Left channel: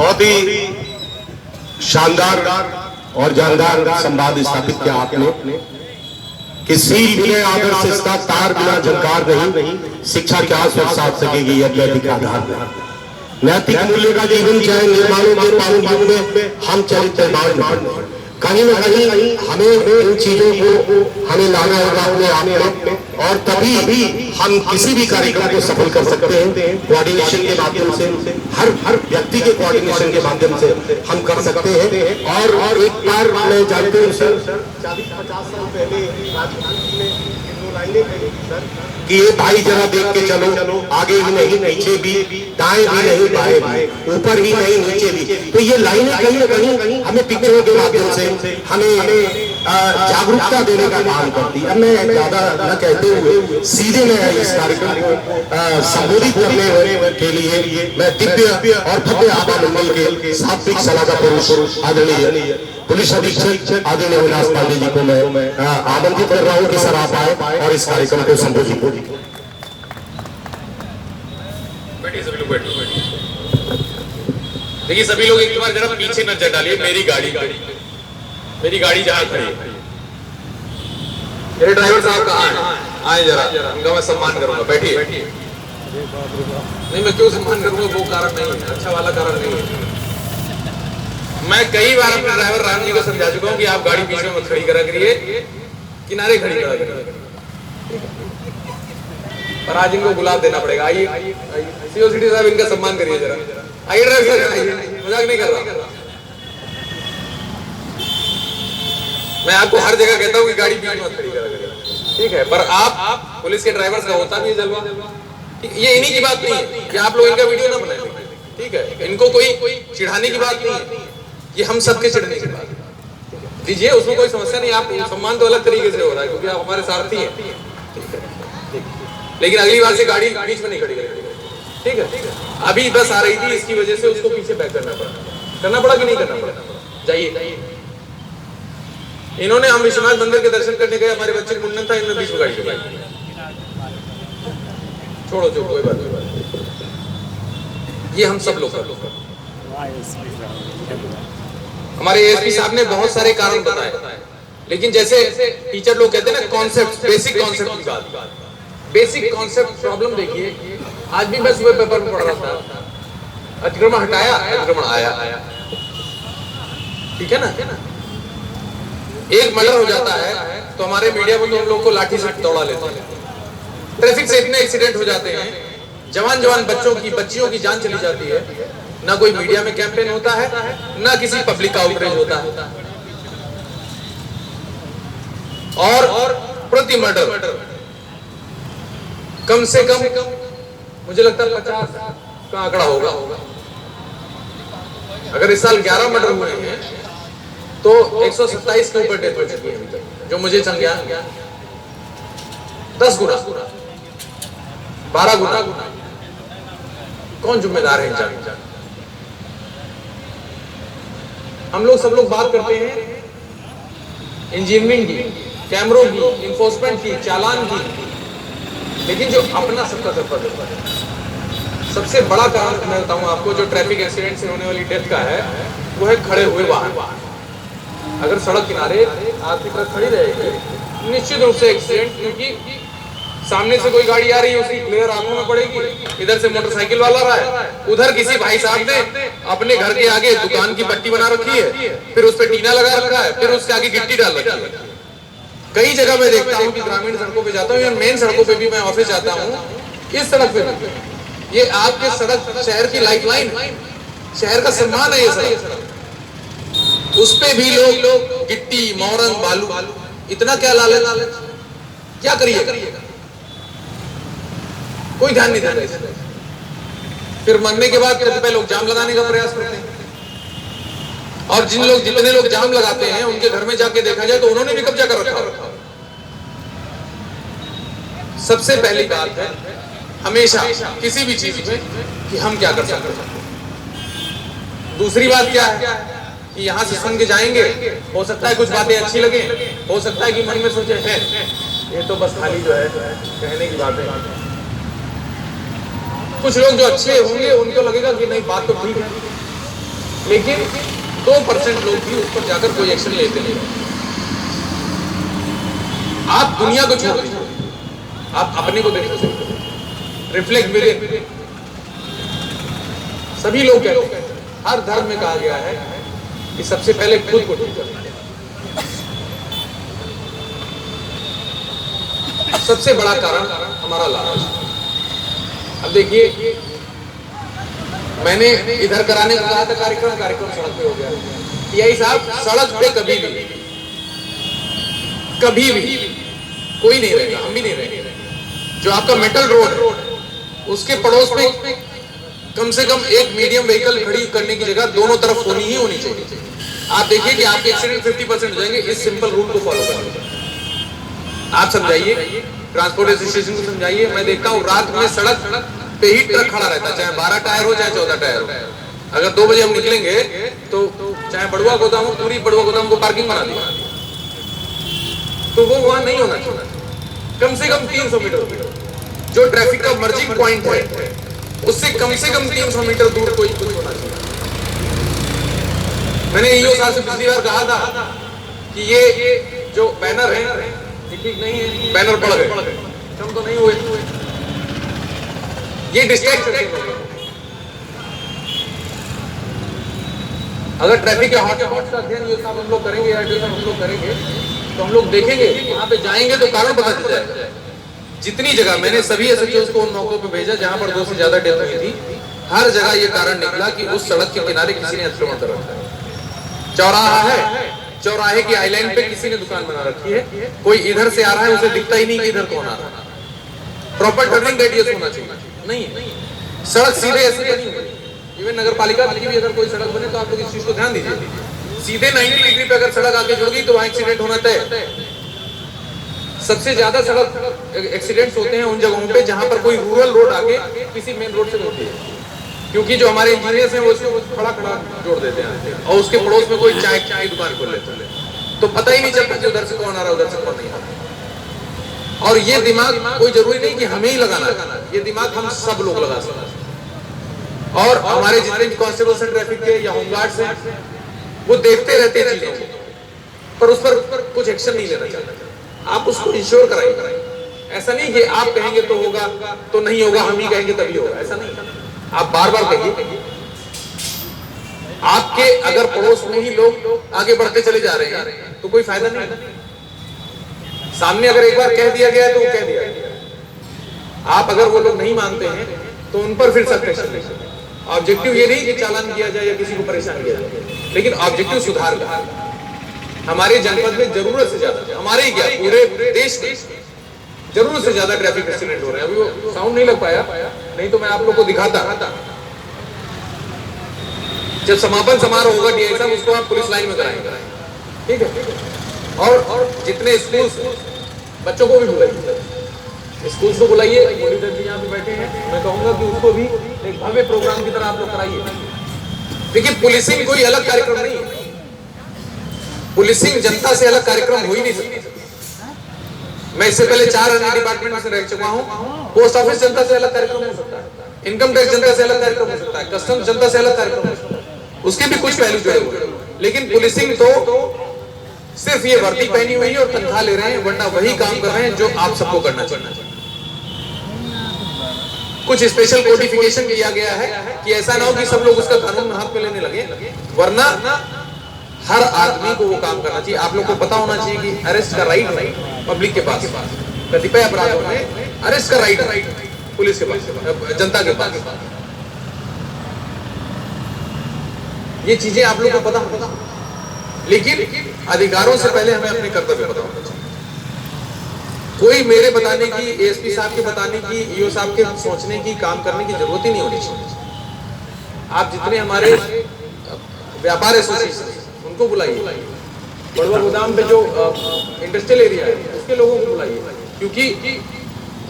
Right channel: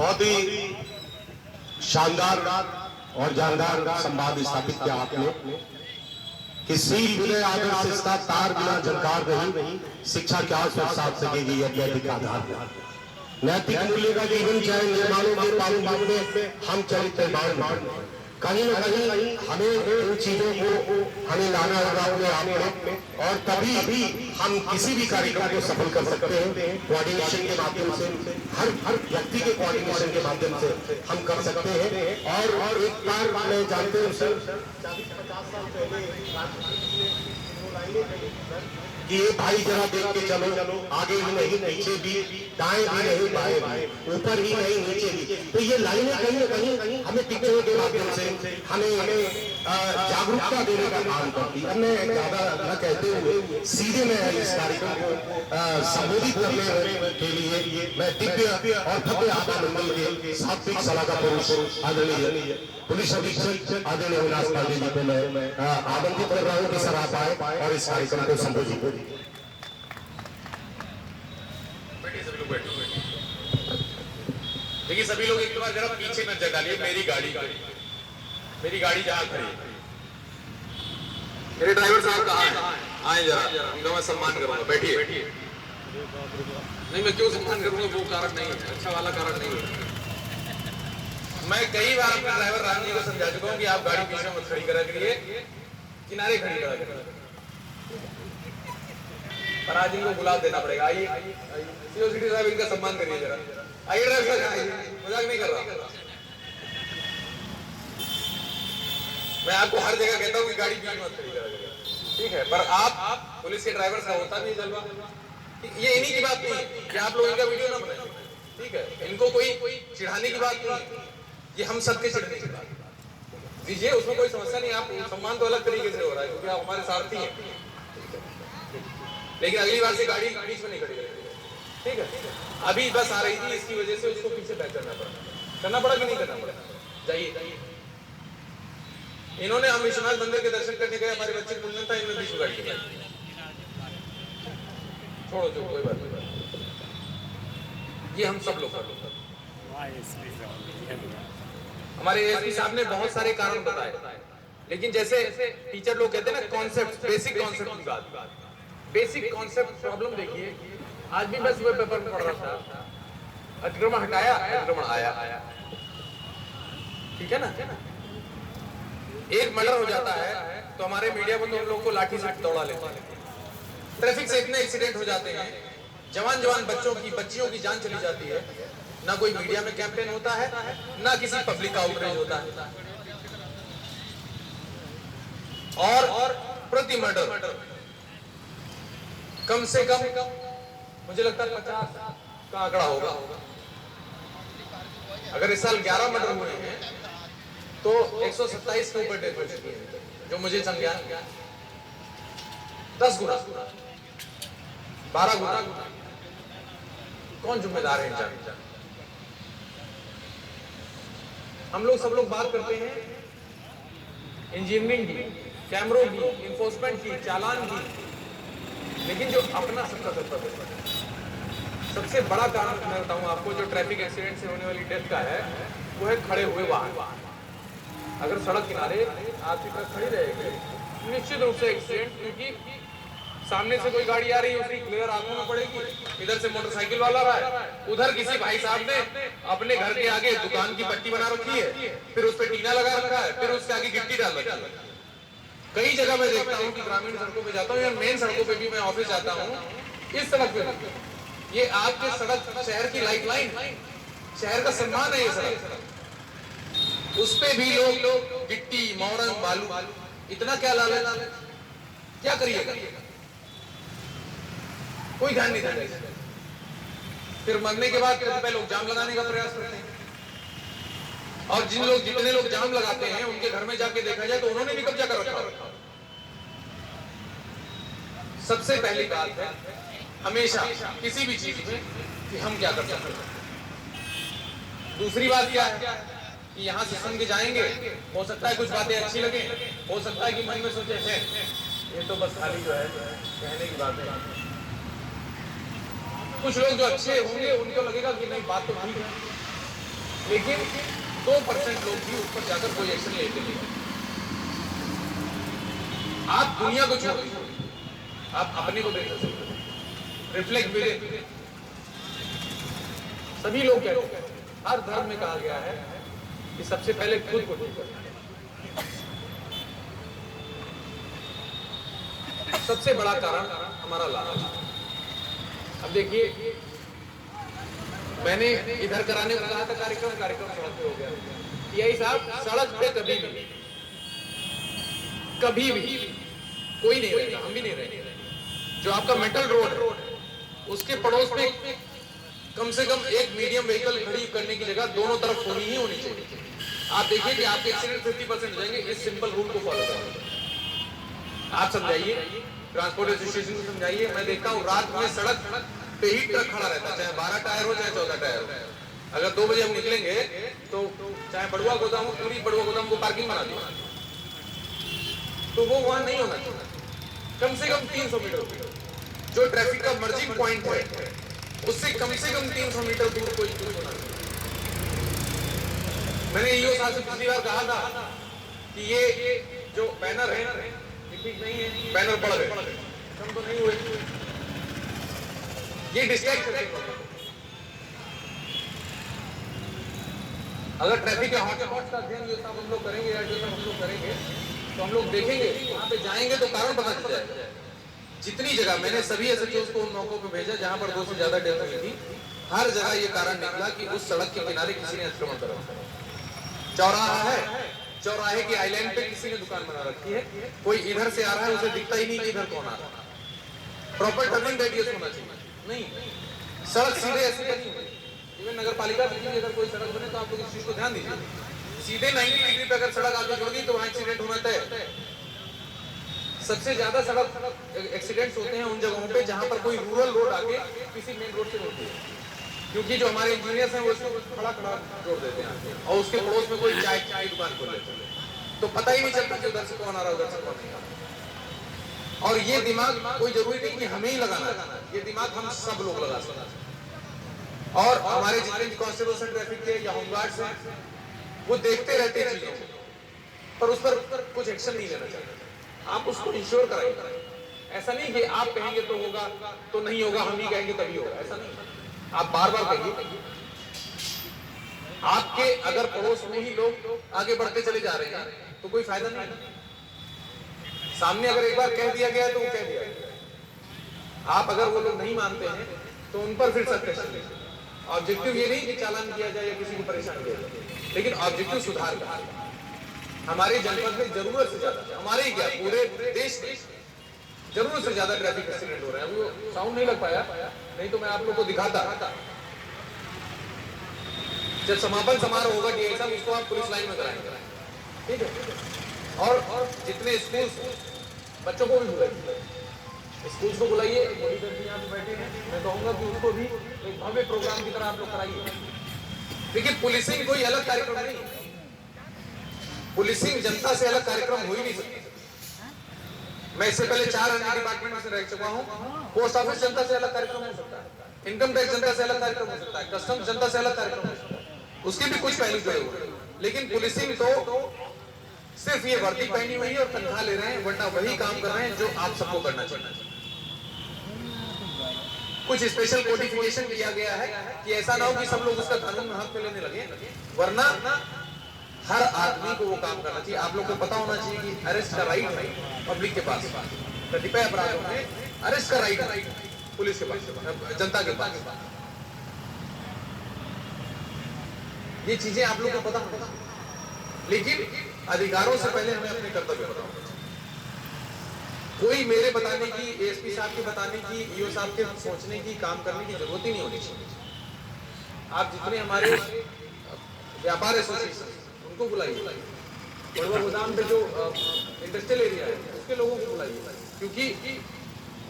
बहुत ही शानदार और जानदार संवाद स्थापित किया आपने कि सील बिना आदर से इसका तार बिना झंकार नहीं, शिक्षा क्या स्वर साथ सकेगी यज्ञ आधार में। नैतिक मूल्य का जीवन चाहे निर्माणों के पावन में हम चरित्र कहीं न कहीं हमें इन चीजों को हमें लाना होगा अपने आप में, और तभी हम किसी भी कार्यक्रम को सफल कर सकते हैं। कोऑर्डिनेशन के माध्यम से, हर व्यक्ति के कोऑर्डिनेशन के माध्यम से हम कर सकते हैं। और एक बार मैं जानते हूँ सर 40-50 साल पहले कि ये भाई जरा देख के चलो, आगे भी नहीं पीछे भी, दाएं भी नहीं बाएं भी, ऊपर ही नहीं नीचे भी। तो ये लाइनें कहीं न कहीं हमें पिक्चरों के माध्यम से हमें जागरूकता देने का काम करती है। मैं ज्यादा न कहते हुए सीधे मैं इस कार्यक्रम को संबोधित करने के लिए मैं दिव्य और भव्य आभा मंडल के सात्विक सलाहकार पुरुष आदरणीय पुलिस अधीक्षक आदरणीय अविनाश पांडे जी को मैं आमंत्रित कर रहा हूँ कि सर आप आए और इस कार्यक्रम को संबोधित करें। देखिए सभी लोग एक बार जरा पीछे नजर डालिए। मेरी गाड़ी जहाँ खड़ी है, मेरे ड्राइवर साहब कहाँ हैं? आए जरा, इनका मैं सम्मान करूंगा। बैठिए। नहीं, मैं क्यों सम्मान करूंगा? वो कारण नहीं है, अच्छा वाला कारण नहीं है। मैं कई बार अपने ड्राइवर राम जी को समझा चुका हूँ कि आप गाड़ी बीच में मत खड़ी करा करिए, किनारे खड़ी करा करिए। पर आज इनको गुलाब देना पड़ेगा। आइए सीओसीटी साहब, इनका सम्मान करिए जरा। आइए ड्राइवर, मजाक नहीं कर रहा। मैं आपको हर जगह कहता हूँ कि गाड़ी बीच में मत खड़ी करा करिए, ठीक है? पर आप पुलिस के ड्राइवर का होता भी है जलवा। ये इन्हीं की बात नहीं है कि आप लोग इनका वीडियो ना बनाएं, ठीक है? इनको कोई चिढ़ाने की बात नहीं है, ये हम सबके चिढ़ने की बात है। दीजिए, उसमें कोई समस्या नहीं। आप सम्मान तो अलग तरीके से हो रहा है क्योंकि आप हमारे सारथी हैं, ठीक है? लेकिन अगली बार से गाड़ी बीच में नहीं खड़ी करेंगे, ठीक है? अभी बस आ रही थी, इसकी वजह से उसको पीछे बैक करना पड़ा कि नहीं करना पड़ा? जाइए। इन्होंने, हम विश्वनाथ मंदिर के दर्शन करने गए, हमारे बच्चे का मुंडन था, इनमें बीच में गाड़ी चलाई। छोड़ो, कोई बात नहीं। ये हम सब लोग हमारे एएसपी साहब ने बहुत सारे कारण बताए, लेकिन जैसे टीचर लोग कहते हैं ना, कॉन्सेप्ट, बेसिक कॉन्सेप्ट की बात, बेसिक कॉन्सेप्ट प्रॉब्लम देखिए। आज भी मैं सुबह पेपर में पढ़ रहा था, अतिक्रमण हटाया, अतिक्रमण आया, ठीक है ना? एक मर्डर हो जाता है तो हमारे मीडिया में तो हम लोग को लाठी से दौड़ा लेते हैं। ट्रैफिक से इतने एक्सीडेंट हो जाते हैं, जवान बच्चियों की जान चली जाती है। ना कोई मीडिया में कैंपेन होता है, ना किसी पब्लिक का आउटरीच होता है। और प्रति मर्डर कम से कम मुझे लगता है 50 का आंकड़ा होगा। अगर इस साल 11 मर्डर हुए हैं तो 127 के ऊपर डेथ हो चुकी है अभी तक, जो मुझे संज्ञान 10 गुना, 12 गुना। कौन जिम्मेदार है इन जान? हम लोग सब लोग बात करते हैं इंजीनियरिंग की, कैमरों की, इन्फोर्समेंट की, चालान की, लेकिन जो अपना सबका सफर है, सबसे बड़ा कारण मैं बताऊं आपको, जो ट्रैफिक एक्सीडेंट से होने वाली डेथ का है, वो है खड़े हुए वाहन। अगर सड़क किनारे आपकी तरफ खड़ी रहेगी, निश्चित रूप से एक्सीडेंट, क्योंकि सामने से कोई गाड़ी आ रही है, उसकी क्लियर आंखों में पड़ेगी, इधर से मोटरसाइकिल वाला रहा है, उधर किसी भाई साहब ने अपने घर के आगे दुकान की पट्टी बना रखी है, फिर उस पर टीना लगा रखा है, फिर उसके आगे गिट्टी डाल रखी है। कई जगह मैं देखता हूँ कि ग्रामीण सड़कों पे जाता हूँ या मेन सड़कों पे भी, मैं ऑफिस जाता हूँ, इस सड़क पे, ये आपके सड़क शहर की लाइफलाइन, शहर का सम्मान है ये सड़क, उस पे भी लोग गिट्टी, मोरंग, बालू, इतना क्या लालच, क्या करिएगा? कोई ध्यान नहीं देता। फिर मरने के बाद कतिपय लोग जाम लगाने का प्रयास करते हैं, और जितने लोग जाम लगाते हैं उनके घर में जाके देखा जाए तो उन्होंने भी कब्जा कर रखा। सबसे पहली बात है हमेशा किसी भी चीज में कि हम क्या कर सकते हैं। दूसरी बात क्या है कि यहाँ से सुन के जाएंगे, हो सकता है कुछ बातें अच्छी लगे, हो सकता है कि मन में सोचे हैं ये तो बस खाली जो है कहने की बात है। कुछ लोग जो अच्छे होंगे उनको लगेगा कि नहीं, बात तो ठीक है, लेकिन 2% लोग भी उस पर जाकर कोई एक्शन लेते नहीं। आप दुनिया को छोड़ दीजिए, आप अपने को देखो, रिफ्लेक्ट विद इन। सभी लोग कहते हैं, हर धर्म में कहा गया है कि सबसे पहले खुद को ठीक करना है। सबसे बड़ा कारण हमारा लालच। अब देखिए, मैंने इधर कराने को कहा था कार्यक्रम सड़क पे हो गया। टीआई साहब, सड़क पे कभी भी कोई नहीं रहेगा, हम भी नहीं रहेंगे। जो आपका मेटल रोड, उसके पड़ोस में कम से कम एक मीडियम व्हीकल खड़ी करने की जगह दोनों तरफ होनी ही होनी चाहिए। आप देखिए कि आपके एक्सीडेंट 50% हो जाएंगे इस सिंपल रूल को फॉलो करने। आप समझाइए, ट्रांसपोर्ट एसोसिएशन को समझाइए। मैं देखता हूँ रात में सड़क पे ही ट्रक खड़ा रहता है, चाहे 12 टायर हो चाहे 14 टायर हो। अगर 2 बजे हम निकलेंगे तो चाहे बड़ुआ गोदाम हो, पूरी बड़ुआ गोदाम को पार्किंग बना दी, तो वो वहां नहीं होना चाहिए। कम से कम 300 मीटर जो ट्रैफिक का मर्जिंग पॉइंट है, उससे कम से कम 300 मीटर दूर कोई कुछ होना चाहिए। मैंने ईओ साहब से पिछली बार कहा था कि ये जो बैनर है ये ठीक नहीं है, बैनर पड़ गए, कम तो नहीं हुए, ये डिस्ट्रैक्ट करते हैं। अगर ट्रैफिक के हॉटस्पॉट का अध्ययन ये साहब हम लोग करेंगे, या हम लोग करेंगे, तो हम लोग देखेंगे, वहां पे जाएंगे तो कारण पता चल जाएगा। जितनी जगह मैंने सभी एसएचओ को उन मौकों पे भेजा जहां पर 2 से ज्यादा डेथ हुई थी, हर जगह ये कारण निकला कि उस सड़क के किनारे किसी ने अतिक्रमण कर रखा है। चौराहा है, चौराहे की आइलैंड पे किसी ने दुकान बना रखी है, कोई इधर से आ रहा है, उसे दिखता ही नहीं कि इधर कौन आ रहा है। प्रॉपर टर्निंग रेडियस होना चाहिए। नहीं, सड़क सीधे ऐसे बनी हुई। इवन नगर पालिका की भी अगर कोई सड़क बने तो आप लोग इस चीज को ध्यान दीजिए। सीधे 90 डिग्री पे अगर सड़क आके जुड़ गई तो वहां एक्सीडेंट होना तय। सबसे ज्यादा सड़क एक्सीडेंट्स होते हैं उन जगहों पे जहां पर कोई रूरल रोड आके किसी मेन रोड से जुड़ती है, क्योंकि जो हमारे इंजीनियर्स हैं वो इसको खड़ा जोड़ देते हैं और उसके पड़ोस में कोई चाय की दुकान खोल लेते हैं, तो पता ही नहीं चलता कि उधर से कौन आ रहा है, उधर से कौन नहीं आ रहा। और ये दिमाग कोई जरूरी नहीं कि हमें ही लगाना है, ये दिमाग हम सब लोग लगा सकते हैं। और हमारे जितने कांस्टेबल्स हैं ट्रैफिक के या होमगार्ड्स हैं, वो देखते रहते हैं चीजों को, पर उस पर कुछ एक्शन नहीं लेना चाहते। आप उसको इंश्योर कराइए। ऐसा नहीं कि आप कहेंगे तो होगा, तो नहीं होगा, हम ही कहेंगे तभी होगा, ऐसा नहीं। आप बार बार कहिए। आपके अगर पड़ोस में ही लोग आगे बढ़ते चले जा रहे हैं तो कोई फायदा नहीं। सामने अगर एक बार कह दिया गया है तो वो कह दिया गया। आप अगर वो लोग नहीं मानते हैं तो उन पर फिर सख्त एक्शन लीजिए। ऑब्जेक्टिव ये नहीं कि चालान किया जाए या किसी को परेशान किया जाए, लेकिन ऑब्जेक्टिव सुधार का। हमारे जनपद में जरूरत से ज्यादा, हमारे ही क्या पूरे देश में जरूरत से ज्यादा ट्रैफिक एक्सीडेंट हो रहे हैं। अभी वो साउंड नहीं लग पाया, नहीं तो मैं आप लोग को दिखाता। जब समापन समारोह होगा डीआई साहब, उसको आप पुलिस लाइन में कराएंगे, ठीक है। और जितने स्कूल्स, बच्चों को भी बुलाइए, स्कूल्स को बुलाइए। मॉनिटर जी यहाँ पे बैठे हैं, मैं कहूंगा कि उसको भी एक भव्य प्रोग्राम की तरह आप लोग कराइए। देखिए, पुलिसिंग कोई अलग कार्यक्रम नहीं है। पुलिसिंग जनता से अलग कार्यक्रम हो ही नहीं सकती। मैं इससे पहले 4 अन्य डिपार्टमेंट में रह चुका हूं। पोस्ट ऑफिस जनता से अलग कार्यक्रम हो सकता है, इनकम टैक्स जनता से अलग कार्यक्रम हो सकता है, कस्टम्स जनता से अलग कार्यक्रम हो सकता है, उसके भी कुछ पहलू जुड़े हुए हैं। लेकिन पुलिसिंग तो सिर्फ ये वर्दी पहनी हुई है और तनख्वाह ले रहे हैं, वरना वही काम कर रहे हैं जो आप सबको करना चाहिए। कुछ स्पेशल कोडिफिकेशन किया गया है कि ऐसा ना हो कि सब लोग उसका कानून में हाथ में लेने लगे, वरना हर आदमी को वो काम करना चाहिए। आप लोग को पता होना चाहिए कि अरेस्ट का राइट है पब्लिक के पास, कतिपय अपराधों में अरेस्ट का राइट है पुलिस के पास, जनता के पास। ये चीजें आप लोग को पता होना, लेकिन अधिकारों से पहले हमें अपने कर्तव्य पता होना चाहिए। कोई मेरे बताने की, एएसपी साहब के बताने की, ईओ साहब के सोचने की, काम करने की जरूरत ही नहीं होनी चाहिए। आप जितने हमारे व्यापार एसोसिएशन उनको बुलाइए, बड़ुआ गोदाम पे जो इंडस्ट्रियल एरिया है उसके लोगों को बुलाइए, क्योंकि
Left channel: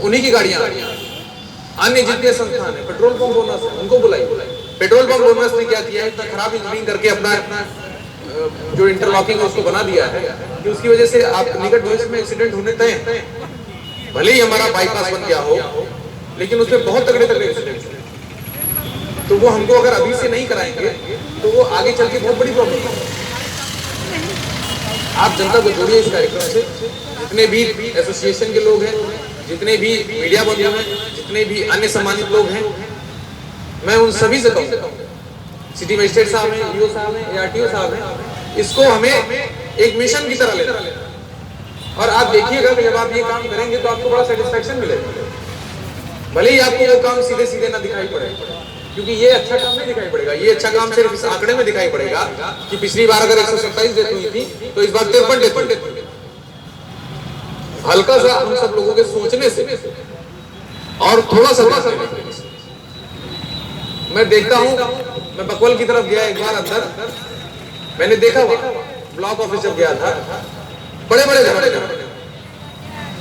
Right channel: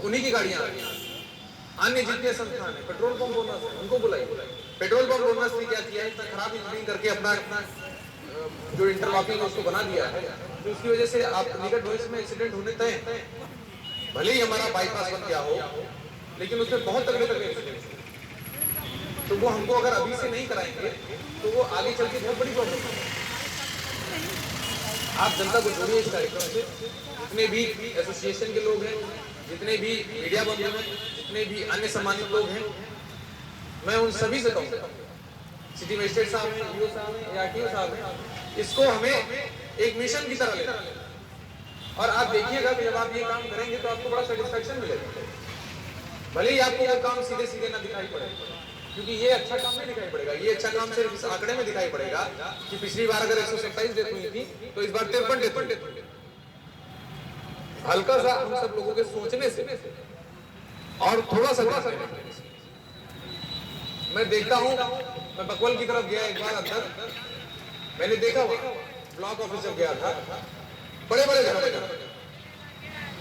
उन्हीं की गाड़ियां आ रही हैं। अन्य जितने संस्थान है, पेट्रोल पंप ओनर्स है, उनको बुलाइए। पेट्रोल पंप ओनर्स ने क्या किया है, इतना खराब इंजीनियरिंग करके अपना जो इंटरलॉकिंग है उसको बना दिया है कि उसकी वजह से आप निकट भविष्य में एक्सीडेंट होने तय हैं। भले ही हमारा बाईपास बन गया हो, लेकिन उसमें बहुत तगड़े एक्सीडेंट। तो वो हमको अगर अभी से नहीं कराएंगे तो वो आगे चल के बहुत बड़ी प्रॉब्लम है। आप जनता को जोड़िए इस कार्यक्रम से, जितने भी एसोसिएशन के लोग हैं, जितने भी मीडिया बंधु हैं, जितने भी अन्य सम्मानित लोग हैं, मैं उन सभी से कहूँ, सिटी मजिस्ट्रेट साहब हैं, ईओ साहब हैं, ARTO साहब हैं, इसको हमें एक मिशन की तरह लेना। और आप देखिएगा कि जब आप ये काम करेंगे तो आपको बड़ा सेटिस्फेक्शन मिलेगा। भले ही आपको वो काम सीधे सीधे ना दिखाई पड़े, क्योंकि ये अच्छा काम नहीं दिखाई पड़ेगा। ये अच्छा काम सिर्फ इस आंकड़े में दिखाई पड़ेगा कि पिछली बार अगर 127 डेथ हुई थी तो इस बार 53 डेथ हुई। हल्का सा हम सब लोगों के सोचने से और थोड़ा सा मैं देखता हूँ, मैं बकवल की तरफ गया एक बार अंदर, मैंने देखा वहां ब्लॉक ऑफिस जब गया था, बड़े बड़े घर,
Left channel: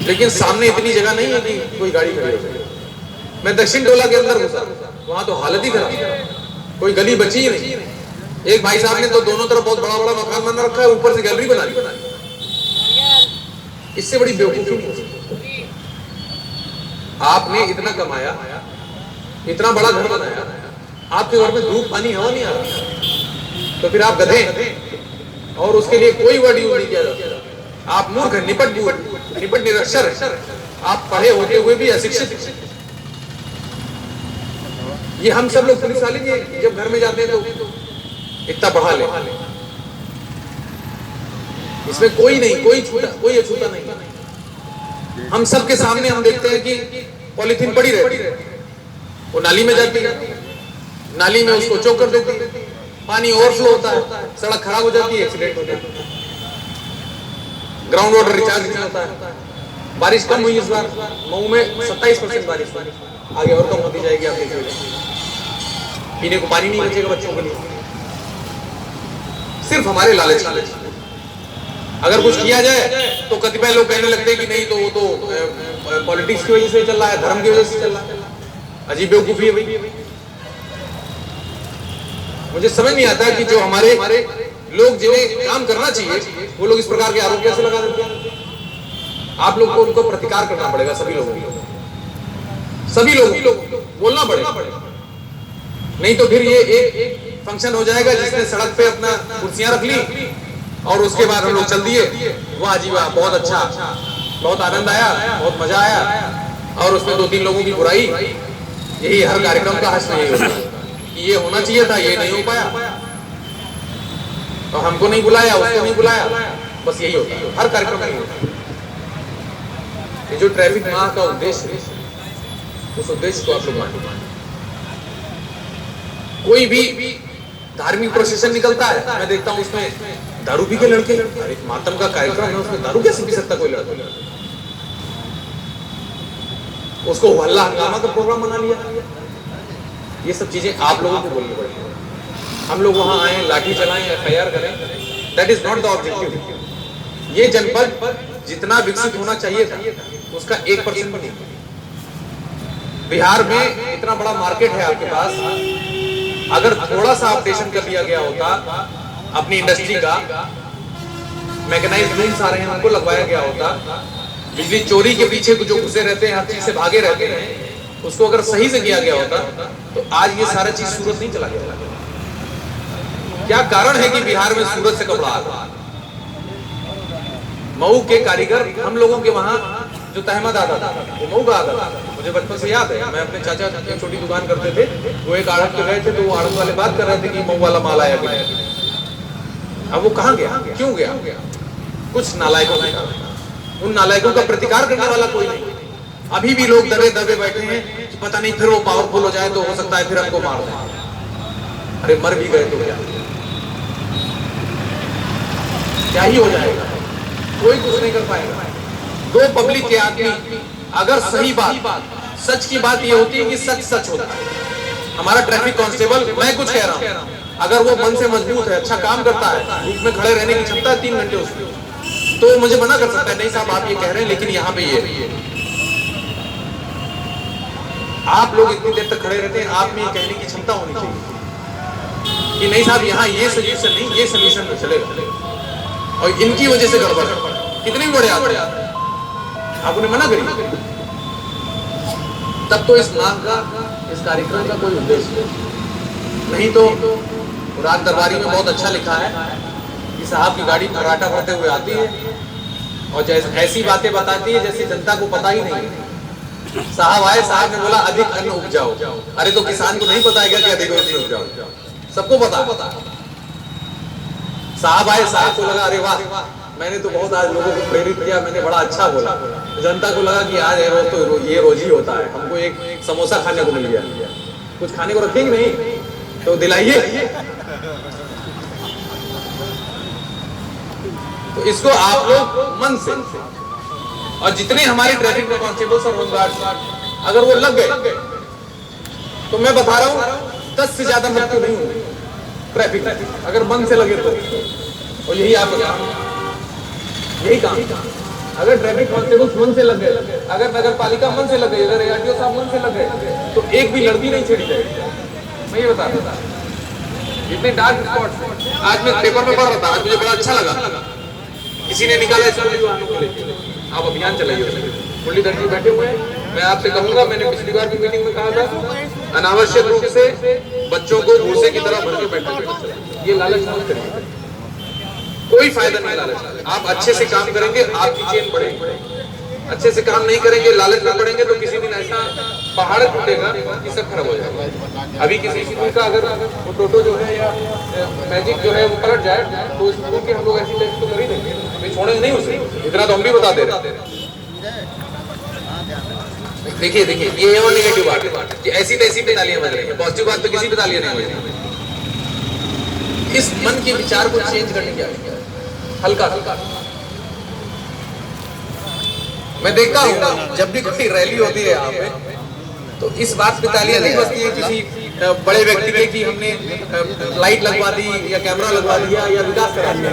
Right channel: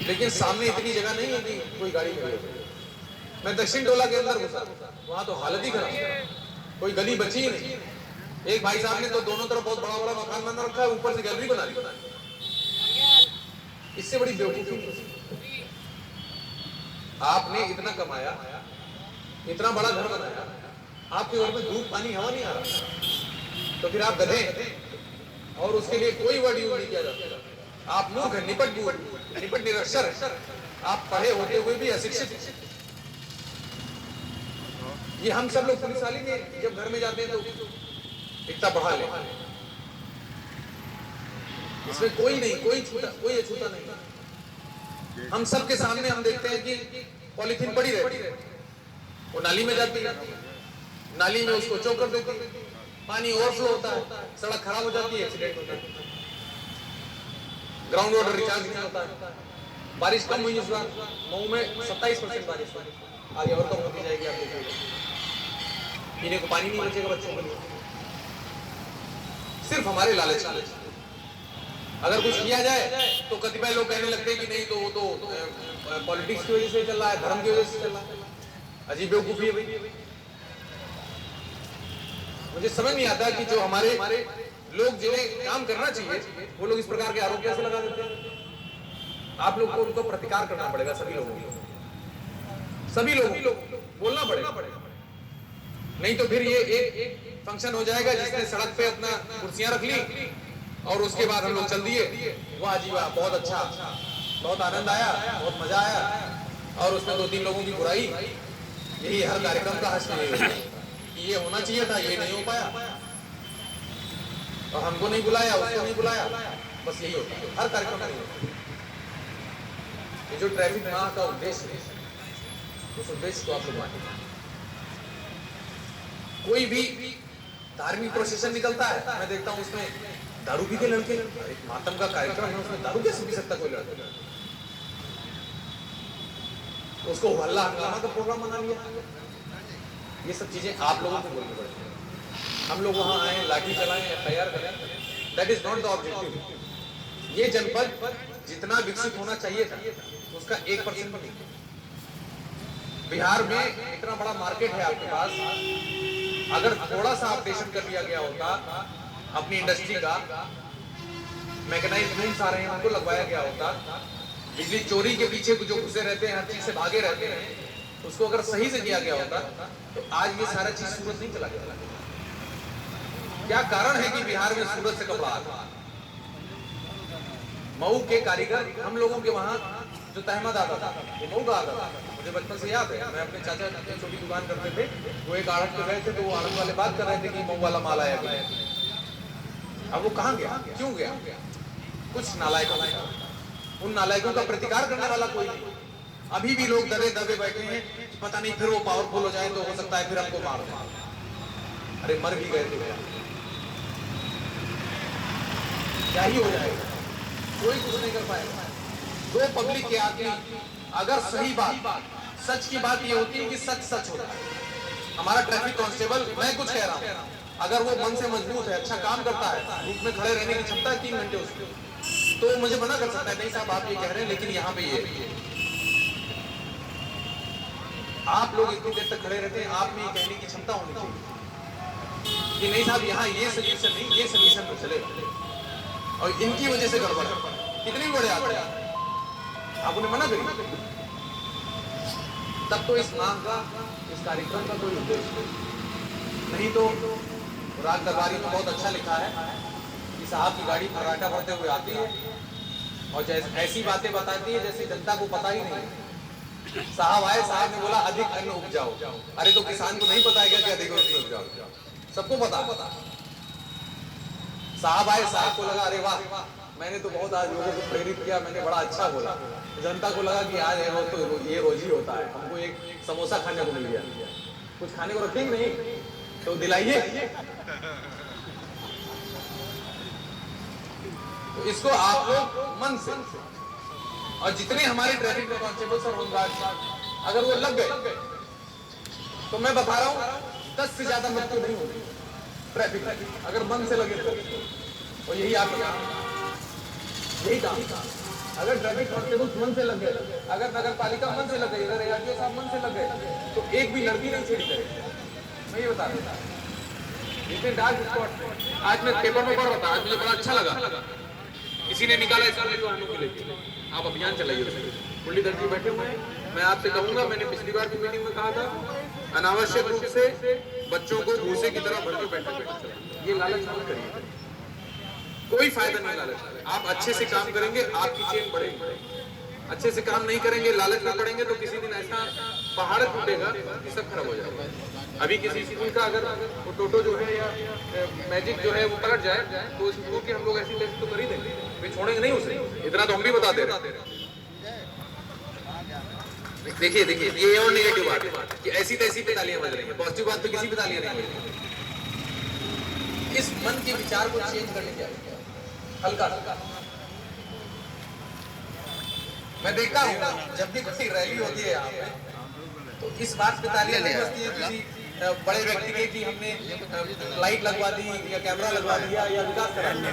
लेकिन सामने इतनी जगह नहीं है कि कोई गाड़ी खड़ी हो जाए। मैं दक्षिण टोला के अंदर घुसा, वहां तो हालत ही खराब, कोई गली बची ही नहीं। एक भाई साहब ने तो दोनों तरफ बहुत बड़ा बड़ा मकान बना रखा है, ऊपर से गैलरी बना ली। इससे बड़ी बेवकूफी नहीं हो सकती। आपने इतना कमाया, इतना बड़ा घर बनाया, आपके घर में धूप पानी हवा नहीं आ रहा, तो फिर आप गधे, और उसके लिए कोई वर्ड यूज नहीं किया जाता। आप मूर्ख, निपट निरक्षर, आप पढ़े होते हुए भी अशिक्षित। ये हम सब लोग पुलिस वाले जब घर में जाते हैं तो इतना पढ़ा ले, इसमें कोई नहीं, कोई अछूता नहीं। हम सबके सामने हम देखते हैं कि पॉलीथीन पड़ी रहती है, वो नाली में जाती है, नाली में उसको चौक कर देती है, पानी ओवरफ्लो होता है, सड़क खराब हो जाती है, एक्सीडेंट हो जाता है, ग्राउंड वाटर रिचार्ज नहीं होता है। बारिश कम हुई इस बार मऊ में 27% बारिश, आगे और कम होती जाएगी। आप देखिए पीने को पानी नहीं बचेगा बच्चों के लिए, सिर्फ हमारे लालच। अगर कुछ किया जाए तो कतिपय लोग कहने लगते हैं कि नहीं, तो वो तो पॉलिटिक्स की वजह से चल रहा है, धर्म की वजह से चल रहा है। अजीब बेवकूफी है भाई। मुझे समझ नहीं आता कि जो हमारे लोग जिन्हें काम करना चाहिए वो लोग इस प्रकार के आरोप कैसे लगा देते हैं। आप लोग को उनको प्रतिकार करना पड़ेगा, सभी लोगों को बोलना पड़ेगा, नहीं तो फिर ये एक फंक्शन हो जाएगा जिसने सड़क पे अपना कुर्सियां रख ली और उसके बाद हम लोग चल दिए, वाह जी वाह, बहुत अच्छा, बहुत आनंद आया, बहुत मजा आया, और उसमें 2-3 लोगों की बुराई। यही हर कार्यक्रम का हश्र नहीं होता कि ये होना चाहिए था, ये नहीं हो पाया, और हमको नहीं बुलाया, उसको नहीं बुलाया, बस यही होता है हर कार्यक्रम में होता है। ये जो ट्रैफिक माह का उद्देश्य है, उस उद्देश्य को आप लोग मानिए। कोई भी धार्मिक प्रोसेशन निकलता है, मैं देखता हूँ उसमें दारू पी के लड़के, एक मातम का कार्यक्रम है, उसमें दारू कैसे पी सकता कोई लड़का? उसको हल्ला हंगामा का प्रोग्राम बना लिया। ये सब चीजें आप लोगों को बोलनी पड़ेगी। हम लोग वहां आए, लाठी चलाएं, FIR करें, that is not the objective. ये जनपद जितना विकसित होना चाहिए था उसका 1% भी नहीं। बिहार में इतना बड़ा मार्केट है आपके पास, अगर थोड़ा सा अपडेशन कर दिया गया होता अपनी इंडस्ट्री का, मैकेनाइज्ड लूम्स आ रहे हैं उनको लगवाया गया होता, बिजली चोरी के पीछे जो घुसे रहते हैं, हर चीज से भागे रहते हैं, उसको अगर सही से किया गया होता तो आज ये सारा चीज सूरत नहीं चला गया। क्या कारण है कि बिहार में सूरत से कपड़ा आ रहा? मऊ के कारीगर, हम लोगों के वहां जो तहमद आता था वो मऊ का आता था। मुझे बचपन से याद है, मैं अपने चाचा की छोटी दुकान करते थे, वो एक आड़त पे गए थे तो वो आड़त वाले बात कर रहे थे कि मऊ वाला माल आया गया। अब वो कहाँ गया, क्यों गया? कुछ नालायकों के कारण। उन नालायकों का प्रतिकार करने वाला कोई नहीं। अभी भी लोग दबे दबे बैठे हैं कि पता नहीं फिर वो पावरफुल हो जाए तो हो सकता है फिर हमको मार दें। अरे मर भी गए तो क्या ही हो जाएगा, कोई कुछ नहीं कर पाएगा। दो पब्लिक के आदमी अगर सही बात, सच की बात ये होती है कि सच सच होता है। हमारा ट्रैफिक कांस्टेबल, मैं कुछ कह रहा हूँ, अगर वो मन से मजबूत है, अच्छा काम करता है, धूप में खड़े रहने की क्षमता है 3 घंटे उसकी, तो मुझे मना कर सकता है, नहीं साहब आप ये कह रहे हैं लेकिन यहाँ पे ये। आप लोग इतनी देर तक खड़े रहते हैं, आप में ये कहने की क्षमता होनी चाहिए कि नहीं साहब यहाँ ये सोल्यूशन नहीं, ये सोल्यूशन में चलेगा, और इनकी वजह से गड़बड़ है। कितने भी बड़े आते हैं, आप उन्हें मना करिए, तब तो इस माह का, इस कार्यक्रम का कोई उद्देश्य नहीं। नहीं तो राज दरबारी में बहुत अच्छा लिखा है कि साहब की गाड़ी फर्राटा भरते हुए आती है और जैसे ऐसी बातें बताती है जैसे जनता को पता ही नहीं। साहब आए, साहब ने बोला अधिक अन्न उपजाओ। अरे तो किसान को नहीं पता है क्या कि अधिक अन्न उपजाओ? सबको पता। साहब आए, साहब को लगा अरे वाह, मैंने तो बहुत आज लोगों को प्रेरित किया, मैंने बड़ा अच्छा बोला। जनता को लगा कि आज है रोज तो ये रोज ही होता है, हमको एक समोसा खाने को मिल गया, कुछ खाने को रखेंगे नहीं तो दिलाइए। तो इसको आप लोग मन से, और जितने हमारे ट्रैफिक में कांस्टेबल्स और होमगार्ड अगर वो लग गए तो मैं बता रहा हूं 10 से ज्यादा मृत्यु नहीं होंगी ट्रैफिक अगर मन से लगे तो। और यही आप बता, यही काम। अगर ट्रैफिक कांस्टेबल्स मन से लग गए, अगर नगर पालिका मन से लग गई, अगर ARTO साहब मन से लग गए तो एक भी लड़की नहीं छेड़ी जाएगी। मैं ये बता रहा था, इतने डार्क स्पॉट्स आज मैं पेपर में पढ़ रहा था, आज मुझे बड़ा अच्छा लगा। किसी ने निकाला स्कूली वाहनों को लेकर, आप अभियान चलाइए। मुरलीधर जी बैठे हुए हैं, मैं आपसे कहूंगा, मैंने पिछली बार की मीटिंग में कहा था, अनावश्यक रूप से बच्चों को भूसे की तरह भर के बैठे, ये लालच मत करिए, कोई फायदा नहीं लालच। आप अच्छे से काम करेंगे, आपकी चेन बढ़ेगी। अच्छे से काम नहीं करेंगे, लालच में पड़ेंगे तो किसी दिन ऐसा पहाड़ टूटेगा कि सब खराब हो जाएगा। अभी किसी स्कूल का अगर वो टोटो जो है या मैजिक जो है वो पलट जाए तो उस स्कूल के हम लोग ऐसी टेस्ट तो कर ही देंगे, अभी छोड़ेंगे नहीं उसे, इतना तो हम भी बता दे रहे। देखिए ये और नेगेटिव बात कि ऐसी तैसी पे तालियां बज रही है, पॉजिटिव बात तो किसी पे तालियां नहीं बज रही। इस मन के विचार को चेंज करने की आवश्यकता है, हल्का। मैं देखता हूँ जब भी कोई रैली होती है यहाँ पे तो इस बात पे तालियां नहीं बजती है किसी बड़े व्यक्ति के कि हमने लाइट लगवा दी या कैमरा लगवा दिया या विकास करा दिया।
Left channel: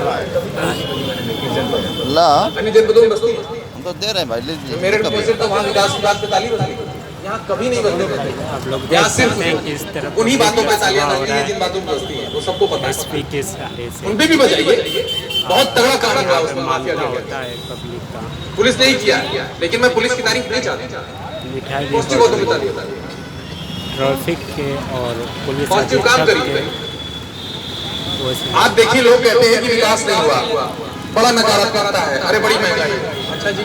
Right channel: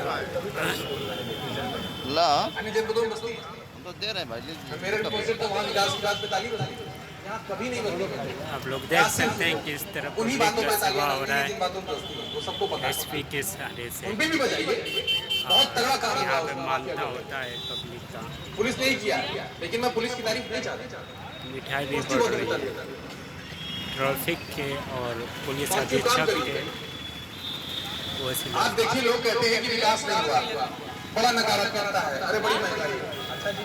अन्य जनपदों में बजती है, तो दे रहे हैं भाई, लीजिए। मेरे रिप्रेजेंट तो वहाँ विकास की बात पे ताली बजती है, यहाँ कभी नहीं बजते। आप लोग देख सकते हैं कि इस तरफ उन्हीं बातों पे तालियां बजती हैं जिन बातों पे बजती है, वो सबको पता है। SP के सहारे से उन पे भी बजाइए, बहुत तगड़ा काम हुआ यहाँ पे उसमें, मानता होता है पब्लिक का। पुलिस ने ही किया, लेकिन मैं पुलिस की तारीफ नहीं चाहता, मिठाई भी पॉजिटिव बढ़ बातों पे रही है तालियां। ट्रैफिक के और पुलिस पॉजिटिव काम अधीक्षक के। करिए। आप देखिए, लोग कहते हैं कि विकास नहीं हुआ, बड़ा नकारात्मकता है, अरे बड़ी महंगाई है। अच्छा जी,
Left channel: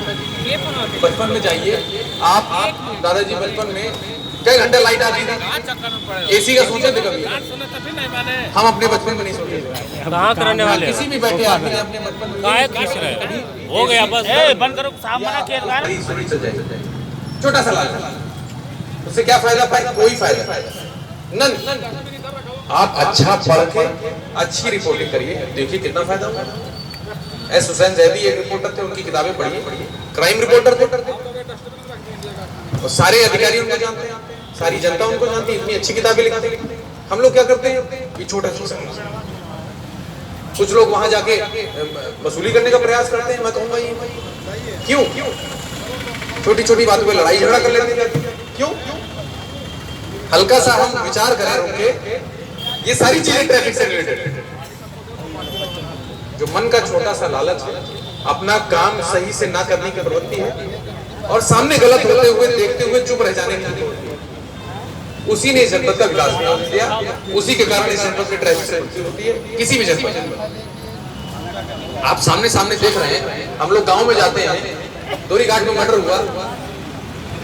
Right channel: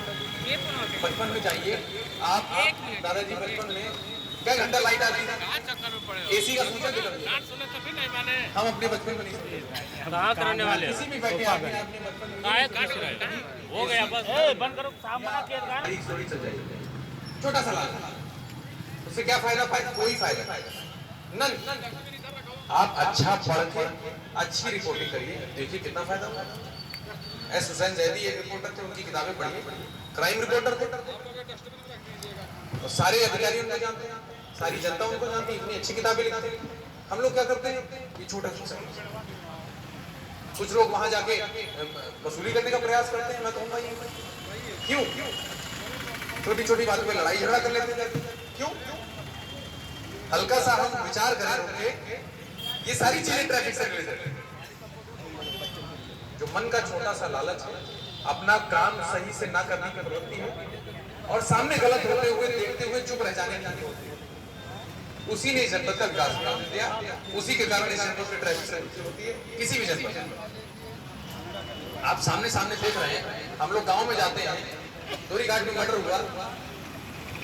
बचपन में जाइए आप दादाजी, बचपन में कई घंटे लाइट आती थी, AC का सोचे थे कभी? हम अपने बचपन में नहीं सोचे। कहाँ करने वाले किसी भी बैठे आदमी ने अपने बचपन में काहे खींच रहे हो गया बस बंद करो, साफ मना किया गया। छोटा सा लाल, उससे क्या फायदा? कोई फायदा नन। आप अच्छा पढ़ के अच्छी रिपोर्टिंग करिए, देखिए कितना फायदा होगा। एस हुसैन जैदी एक रिपोर्टर थे, उनकी किताबें पढ़िए, क्राइम रिपोर्टर थे, और सारे अधिकारी उनको जानते हैं, सारी जनता उनको जानती है, इतनी अच्छी किताबें लिखते हैं। हम लोग क्या करते हैं कि छोटा सा, कुछ लोग वहां जाके वसूली करने का प्रयास करते हैं। मैं कहूंगा ये क्यों? छोटी छोटी बातों पे लड़ाई झगड़ा कर लेते हैं, क्यों? हल्का सा हम विचार करें उनके, ये सारी चीजें ट्रैफिक से रिलेटेड। जो मन का छोटा सा लालच है, अपना काम सही से ना करने की प्रवृत्ति है, और सामने गलत होते हुए देखते हुए चुप रह जाने की होती है, उसी ने जनपद का विकास किया, उसी के कारण इस जनपद में ट्रैफिक से मृत्यु होती है, किसी भी जनपद में। आप सामने सामने देख रहे हैं, हम लोग गांव में जाते हैं, दोरी घाट में मर्डर हुआ,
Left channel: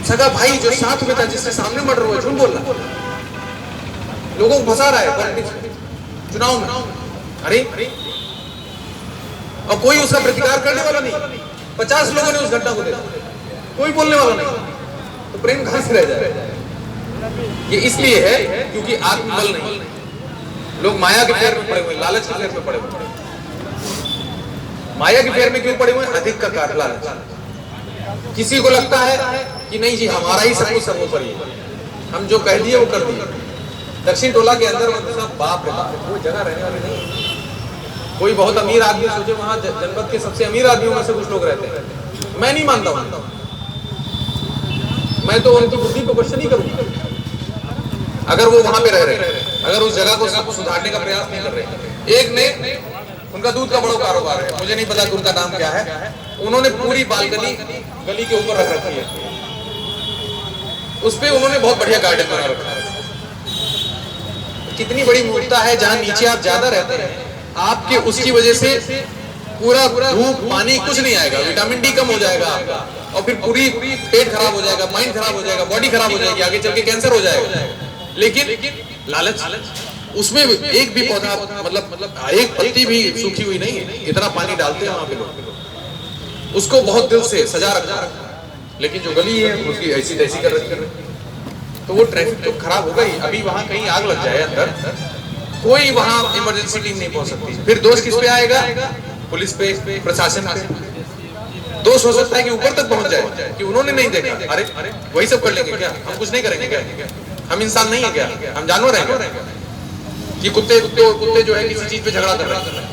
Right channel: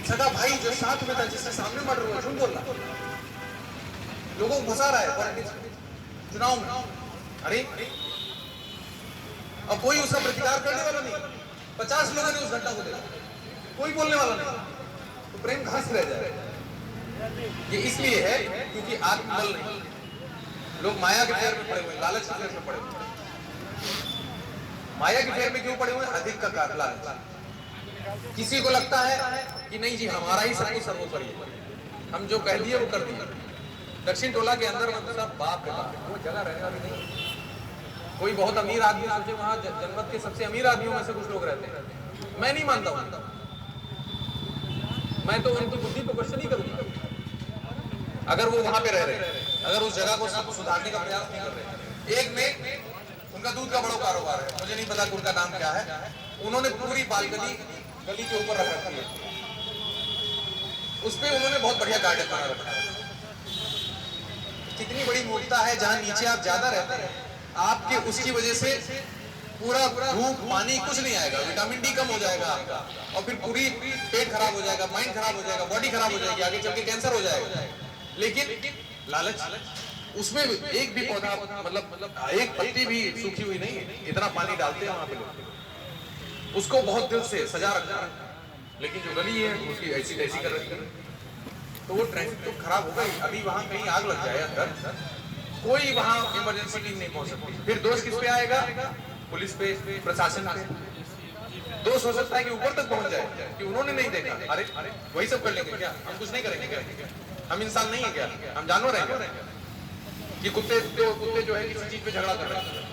सगा भाई जो साथ में था जिसके सामने मर्डर हुआ, झूठ बोल रहा, लोगों को फंसा रहा है चुनाव में। अरे और कोई उसका प्रतिकार करने वाला नहीं, 50 लोगों ने उस घटना को देखा, कोई बोलने वाला नहीं, तो प्रेम कहां से रह जाए? ये इसलिए है क्योंकि आत्मबल नहीं, लोग माया के फेर में पड़े हुए, लालच के फेर में पड़े हुए। माया के फेर में क्यों पड़े हुए? अधिक का काट लालच। किसी को लगता है कि नहीं जी हमारा ही सब कुछ सर्वोपरि है, हम जो कह दिए वो कर दिए। दक्षिण टोला के अंदर मतलब बाप रे बाप, वो जगह रहने वाली नहीं। कोई बहुत अमीर आदमी सोचे वहां जनपद के सबसे अमीर आदमियों में से कुछ लोग रहते हैं, मैं नहीं मानता हूं, मैं तो उनकी बुद्धि को क्वेश्चन ही करूंगा। अगर वो वहां पे रह रहे, अगर उस जगह को सब सुधारने का प्रयास नहीं कर रहे। एक ने, उनका दूध का बड़ा कारोबार है, मुझे नहीं पता कि उनका नाम क्या है, उन्होंने पूरी बालकनी गली के ऊपर रख रखी है, उस पे उन्होंने बहुत बढ़िया गार्डन बना रखा है। कितनी बड़ी मूर्खता है, जहां नीचे आप ज्यादा रहते हैं, आपके उसकी वजह से पूरा धूप पानी कुछ नहीं आएगा, विटामिन डी कम हो जाएगा आपका, और फिर पूरी पेट खराब हो जाएगा, माइंड खराब हो जाएगा, बॉडी खराब हो जाएगी, आगे चल के कैंसर हो जाएगा। लेकिन लालच, उसमें एक भी पौधा मतलब एक पत्ती भी सूखी हुई नहीं है, इतना पानी डालते हैं वहां पे लोग, उसको बहुत दिल से सजा रखा। लेकिन जो गली है उसकी ऐसी तैसी कर रखी है, तो वो ट्रैफिक तो खराब होगा ही। अभी वहां कहीं आग लग जाए अंदर, कोई वहां इमरजेंसी टीम नहीं पहुंच सकती, फिर दोष किस पे आएगा? पुलिस पे, प्रशासन पे। दोष हो सकता है कि ऊपर तक पहुंच जाए कि उन्होंने नहीं देखा, अरे वही सब कर लेंगे क्या, हम कुछ नहीं करेंगे क्या, हम इंसान नहीं है क्या, हम जानवर हैं क्या, कि कुत्ते जो है किसी चीज पे झगड़ा कर रहे हैं।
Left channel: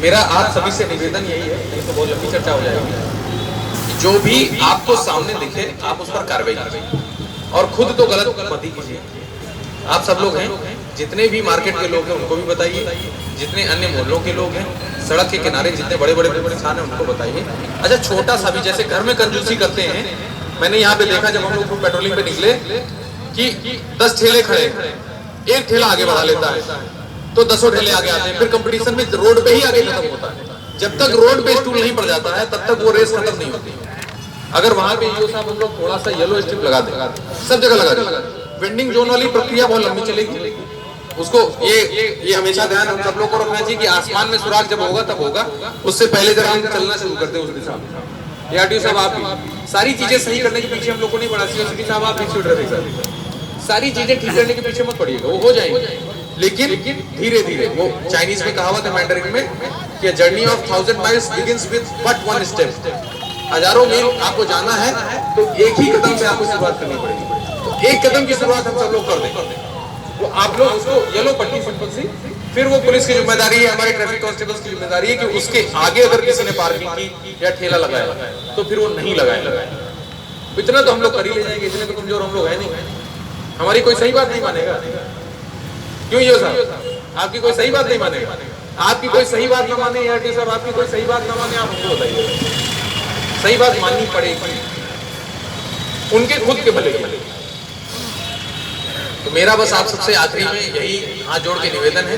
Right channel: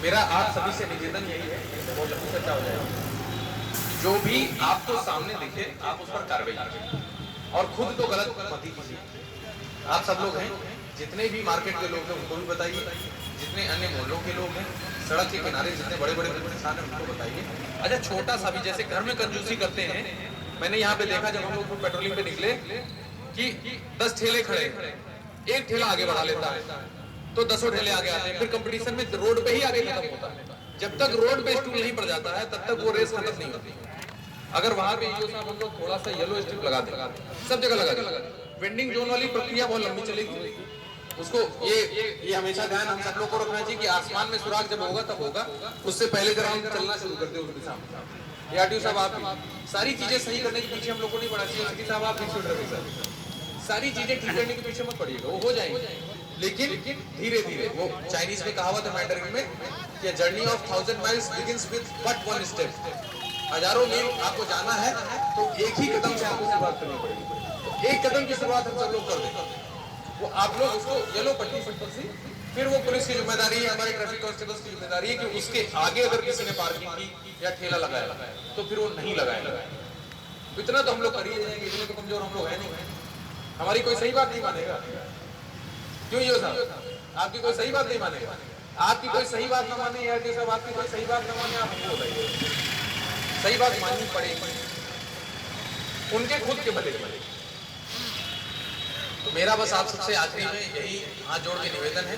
मेरा आप सभी से निवेदन यही है, नहीं तो बहुत लंबी चर्चा हो जाएगी, जो भी आपको सामने दिखे आप उस पर कार्रवाई कीजिए, और खुद तो गलत मत ही कीजिए। आप सब लोग हैं, जितने भी मार्केट के लोग हैं उनको भी बताइए, जितने अन्य मोहल्लों के लोग हैं, सड़क के किनारे जितने बड़े बड़े इंसान हैं उनको बताइए। अच्छा, छोटा सा भी, जैसे घर में कंजूसी करते हैं, मैंने यहाँ पे देखा जब हम लोग पेट्रोलिंग पे निकले कि 10 ठेले खड़े, एक ठेला आगे बढ़ा लेता है तो 10 ठेले आगे आते हैं, फिर कंपटीशन में रोड पे ही आगे खत्म होता है। जब तक रोड पे स्टूल नहीं पड़ जाता है तब तक वो रेस खत्म नहीं होती। अगर वहां पे ईओ साहब हम लोग थोड़ा सा येलो स्ट्रिप लगा दें, सब जगह लगा दें, वेंडिंग जोन वाली प्रक्रिया बहुत लंबी चलेगी। उसको ये हमेशा ध्यान हम सब लोग को रखना चाहिए कि आसमान में सुराग जब होगा तब होगा, उससे पहले जब हम चलना शुरू करते हैं उस दिशा में। आरटीओ साहब, आप सारी चीजें सही करने के पीछे हम लोग को नहीं पड़ा, सीएसपी साहब आप सारी चीजें ठीक करने के पीछे मत पड़िएगा, वो हो जाएंगे, लेकिन धीरे धीरे। वो चाइनीज में कहावत है मैंडरिन में कि journey of 1000 miles begins with but one step. 1000 मील आपको जाना है तो एक ही कदम से आपको शुरुआत करनी पड़ेगी। तो एक कदम की शुरुआत हम सब लोग कर दें, वो आप लोग उसको येलो पट्टी सिंपल सी, फिर वो पुलिस की जिम्मेदारी है, हमारे ट्रैफिक कांस्टेबल्स की जिम्मेदारी है कि उसके आगे अगर किसी ने पार्किंग की या ठेला लगाया तो फिर वो नहीं लगाएगा। इतना तो हम लोग कर ही ले जाएंगे, इतने तो कमजोर हम लोग है नहीं। हमारी कोई सही बात नहीं मानेगा, क्यों ये साहब? आपकी कोई सही बात नहीं मानेगा, आपकी कोई सही बात ना माने आरटी साहब, आपकी कोई सही बात ना माने, आप हमको बताइए। सही बात माननी पड़ेगी उनके खुद के भले के। तो मेरा बस आप सबसे आखिरी में यही हाथ जोड़ के निवेदन है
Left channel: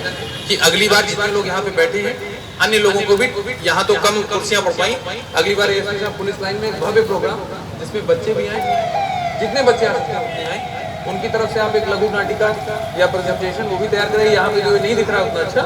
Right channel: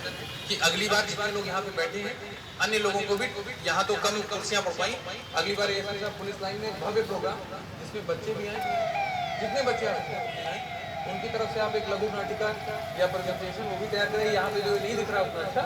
कि अगली बार जितने लोग यहाँ पे बैठे हैं, अन्य लोगों को भी, यहाँ तो कम कुर्सियां पड़ पाई, अगली बार एसपी साहब पुलिस लाइन में एक भव्य प्रोग्राम जिसमें बच्चे भी आए, जितने बच्चे आ सकते हैं उतने आए, उनकी तरफ से आप एक लघु नाटिका या प्रेजेंटेशन वो भी तैयार करें। यहाँ पे जो नहीं दिख रहा उतना अच्छा